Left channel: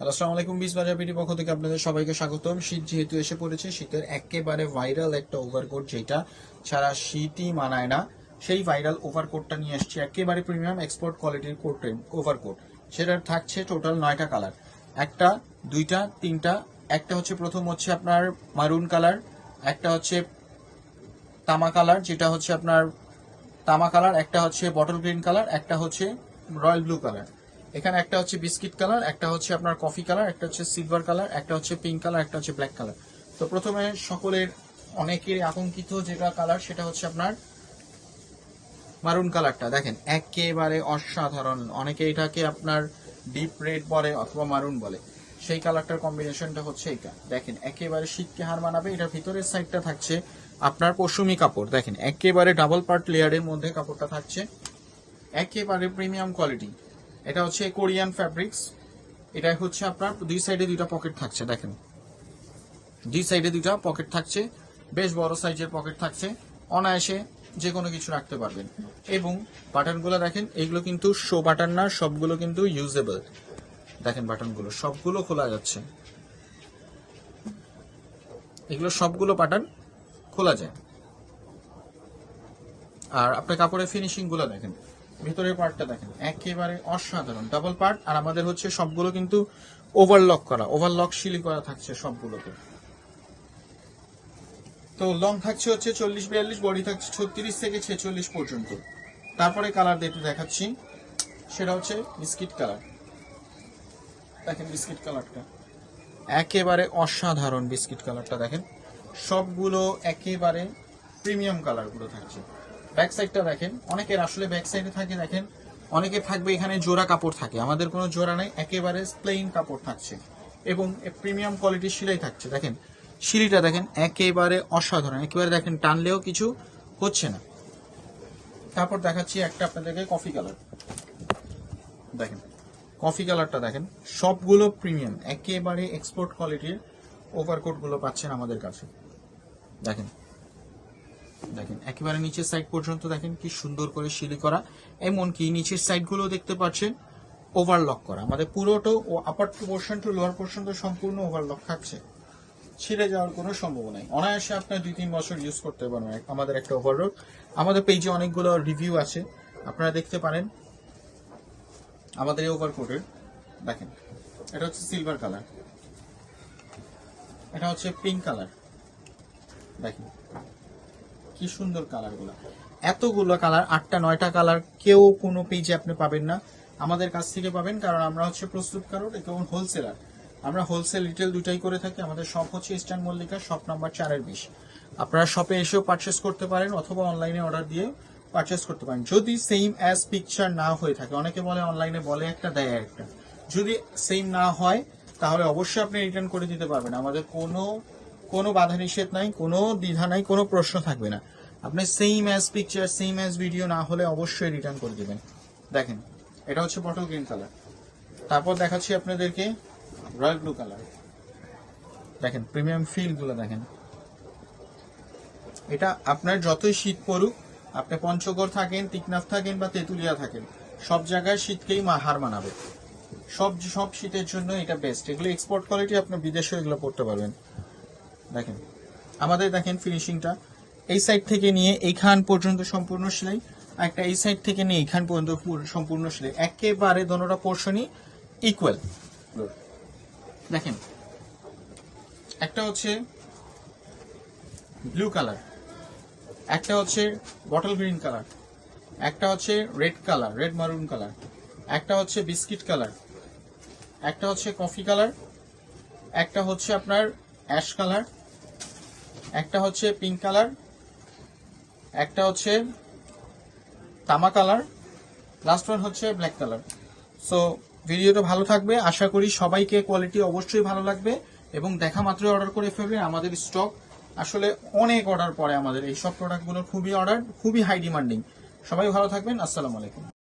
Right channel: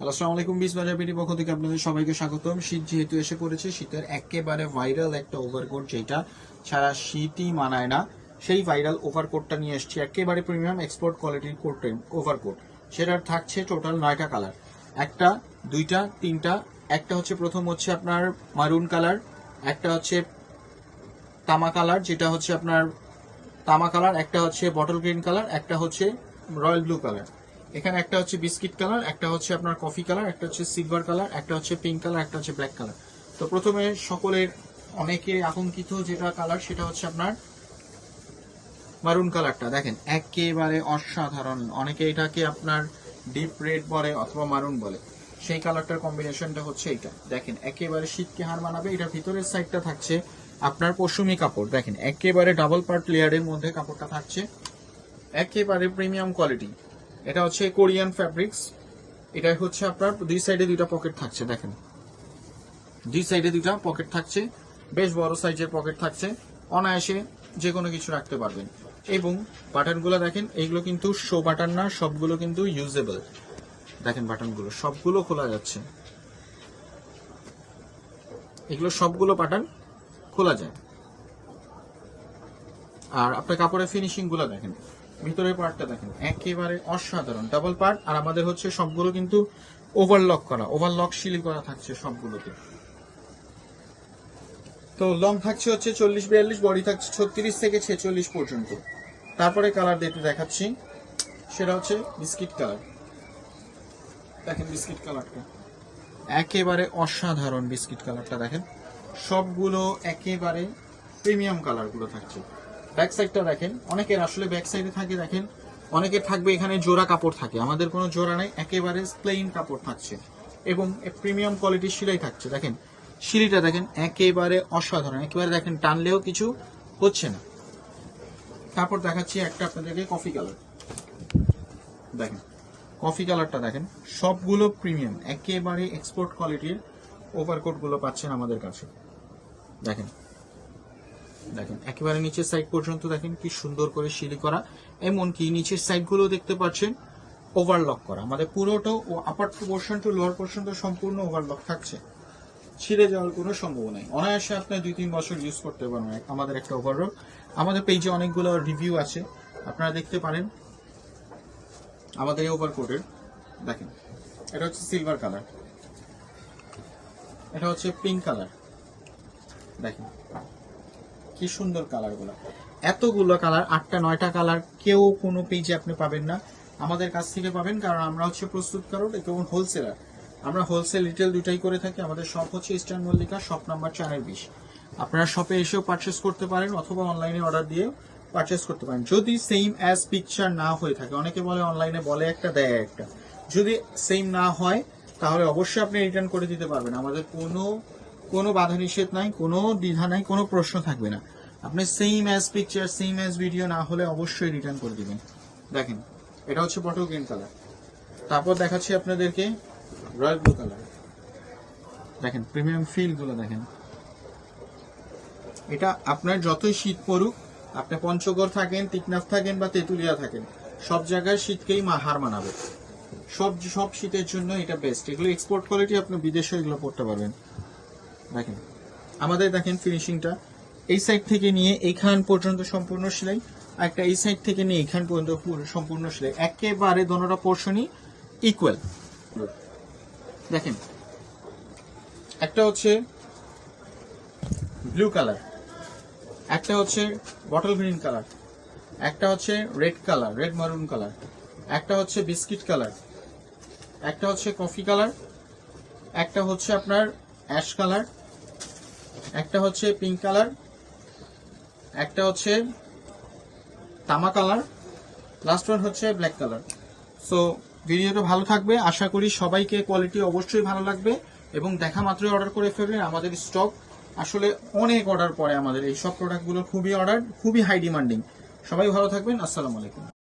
আসসালামু আলাইকুম বিজ বাজার বিডি পক্ষ থেকে আপনাদের সবাইকে স্বাগতম। শীত যেহেতু এসে পড়েছে, শীতের একেবারে ভাইরাল একটা যেটা ছাড়া শীতই মানায় না। সেই ভাইরাল নিয়ে একেবারে এক্সপোর্ট কোয়ালিটির কোট সেটার থাকছে টোটাল নয়টা কালার একটা, দুইটা, তিনটা, একটা হচ্ছে প্রথম হচ্ছে আপনার মারুন কালার একটা হচ্ছে তামা কালার যেটা হচ্ছে আপনার তামা কালার একটা হচ্ছে বটল গ্রিন কালার একটা হচ্ছে রয়্যাল ব্লু কালার এখানে একটা হচ্ছে বিস্কিট কালার, একটা হচ্ছে আপনার কফি কালার, একটা হচ্ছে সিলভার কালার, একটা হচ্ছে পিঙ্ক কালার, একটা হচ্ছে ব্ল্যাক কালার। তো প্রথমে সকলের অনেকে আকাঙ্ক্ষিত যেটা কালার, সেটা হচ্ছে আপনার মারুন কালারটা। দেখেন, একেবারে অসাধারণ। অনেকে এটাকে আপনার ডিপ রেড বলে অথবা মারুন বলে। সেই কালারটার কম্বিনেশনটা হচ্ছে এটা দেখেন, একেবারে শীতকে হার মানাবে। এটার ভিতরের সাইডটা থাকছে আপনার পশমি কাপড়। দেখেন, একেবারে ডাবল পার্ট লেয়ারের মধ্যে কাপড়টা থাকছে। একেবারে প্রিমিয়াম কোয়ালিটি এটা হচ্ছে কোরিয়ান ফ্যাব্রিক্স এটা হচ্ছে আপনার দুই সাইডে দুটো পকেট থাকছে, দেখেন। দুই সাইডে দুটো পকেট থাকছে, বেশ বড় সাইজের পকেট থাকছে, অনায়াসে যে কোনো কিছু রাখতে পারবেন। এবং বাটনগুলো দেখেন, এগুলো কিন্তু শো বাটন না, সবগুলো কিন্তু ইউজেবল দেখেন বাটনগুলো সবগুলো খোলা যাচ্ছে। এগুলো সবগুলো বাটন খোলা যায়। আর আপনার কাপড়ের ফিনিশিংগুলো দেখেন। ভিতরের পার্টটা দেখেন। একেবারে অসাধারণ। ডাবল পার্ট আর আমাদের হচ্ছে সবগুলো কিন্তু ওভারলক করা। ওভারলক সিলি করা থাকছে সবগুলোতে। তো লং থাকছে হচ্ছে চল্লিশ, বিয়াল্লিশ বডি থাকছে ছত্রিশ থেকে ছেচল্লিশ পর্যন্ত। তারপরে কালার দিতে দেখাচ্ছি। সেটা হচ্ছে বিস্কিট কালার দেখেন বিস্কিট কালারটা একেবারে অসাধারণ বিস্কিট কালারটা দেখেন। সবগুলো একেবারে প্রিমিয়াম কালারগুলো থাকছে। ব্যাক সাইডটা দেখেন। অনেকের আসলে ব্যাক সাইডে থাকে, দেখেন। অনেকের থাকবে এখানে জোড়া কাপড় থাকে। আমাদের কোনো জোড়া নাই, একেবারে প্লেন কাপড় থাকছে। এবং প্রিমিয়াম কোয়ালিটির সিলাই থাকছে। দেখেন, সিঁড়িটা দেখেন একেবারে অসাধারণ। একেবারে দেখেন, টানলেও কিছু হচ্ছে না। তারপর দেখাচ্ছি একটা আপনাদেরকে কফি কালার দেখেন কফি কালারটা দেখেন, সবগুলো প্রিমিয়াম একেবারে এক্সপোর্ট কোয়ালিটির ওভারকোটগুলো পাচ্ছেন আমাদের কাছে। দেখেন একেবারে নিচের সাইড পর্যন্ত দেখেন কি সুন্দর করে সিঁড়ি করা, এমনকি নিচের সাইডগুলো দেখতে পাচ্ছেন ওভারলক করা। আমাদের পুরোটা ও upper portion to lower portion তো সম্পূর্ণ ওভারলক থাকছে। ছিঁড়ে যাওয়ার কোনো সম্ভাবনা নেই। অনায়াসে আপনার দুই তিন বছর ইউজ করতে পারবেন। আমাদের একটা ওভারলক আমাদের পেজে অনেকগুলো রিভিউ আছে। আপনারা দেখতে পারেন। আমাদের এই ওভারকোটের দেখেন, এটা হচ্ছে সিলভার কালার এটা হচ্ছে পিঙ্ক কালার দেখেন কি সুন্দর কালারগুলো এতগুলো কালার আটটা, নয়টা কালার কেউ কোনো পেজে আপনি পাবেন না। আমাদের কাছ থেকে পাবেন, কারণ আমরা হচ্ছে প্রস্তুত প্রস্তুতকারক এবং হোলসেলার আমরা হোলসেল রিটেল দুটাই করে থাকি, আমাদের শপ হচ্ছে ইস্টার্ন মল্লিকা শপ নাম্বার চারের বিশ। আপনারা শপে এসেও পারচেস করতে পারেন, অথবা অনলাইনে অর্ডার দিয়ে পারচেস করতে পারেন। যদি সেম অ্যাজ পিকচার না হয়ে থাকে, অনেকে বলে অনলাইনে বলে একটা, দেয় একটা। যদি সেম না হয়, তাহলে অবশ্যই আপনি রিটার্ন করে দিতে পারবেন। আমাদের কোনো কোনো বাধা নিষেধ নাই, কোনো দ্বিধা নাই, কোনো প্রশ্ন থাকবে না। আপনি same as picture same as video না হলে অবশ্যই রিটার্ন করে দেবেন। দেখেন, এটা হচ্ছে বটল গ্রিন কালার তারপর দেখাচ্ছি আপনাদেরকে রয়্যাল ব্লু কালার দেখেন প্রিমিয়াম ফিলগুলো দেখেন। এটা আপনার যতই শীত পড়ুক, আপনি পঞ্চগড় থাকেন, টিকনাফ থাকেন বা তেঁতুলিয়া থাকেন, সব জায়গায় শীতকেই মা- হার মানাবে। সব সব শীতের জন্য এটা বেস্ট এগুলো এক্সপোর্ট কোয়ালিটি আপনি বিদেশে এগুলো পড়তে পারবেন। দেখেন, আমাদের দেখেন ফিনিশিংটা এই সাইড থেকে নিয়ে এইখান পর্যন্ত সম্পূর্ণ সেলাই, একটা এই সাইড থেকে নিয়ে এইখান পর্যন্ত সম্পূর্ণ সেলাই। একেবারে দোনোটা পোর্শনই ইকুয়াল দেখেন, একটা হচ্ছে ব্লু কালার একটা হচ্ছে বটল গ্রিন কালার একটা হচ্ছে red colour red maroon colour একটা হচ্ছে বিস্কিট কালার একটা হচ্ছে কফি কালার একটা হচ্ছে আপনার অ্যাশ কালার, একটা হচ্ছে পিঙ্ক কালার, একটা হচ্ছে তামা কালার লাস্ট ওয়ান হচ্ছে ব্ল্যাক কালার সো ভিডিওটা ভালো থাকবে। আশা করি সবাইকে কোয়ালিটি অবশ্যই ভালো লাগবে এবং দেখা মাত্রই অর্ডার করে ফেলবেন আমাদের স্টক আসলে অনেক অর্ডার পরে আমাদের এই সব প্রোডাক্টগুলো খুবই অর্ডার খুবই হাই ডিমান্ডিং সবাই ভালো থাকবেন। আসসালামু আলাইকুম।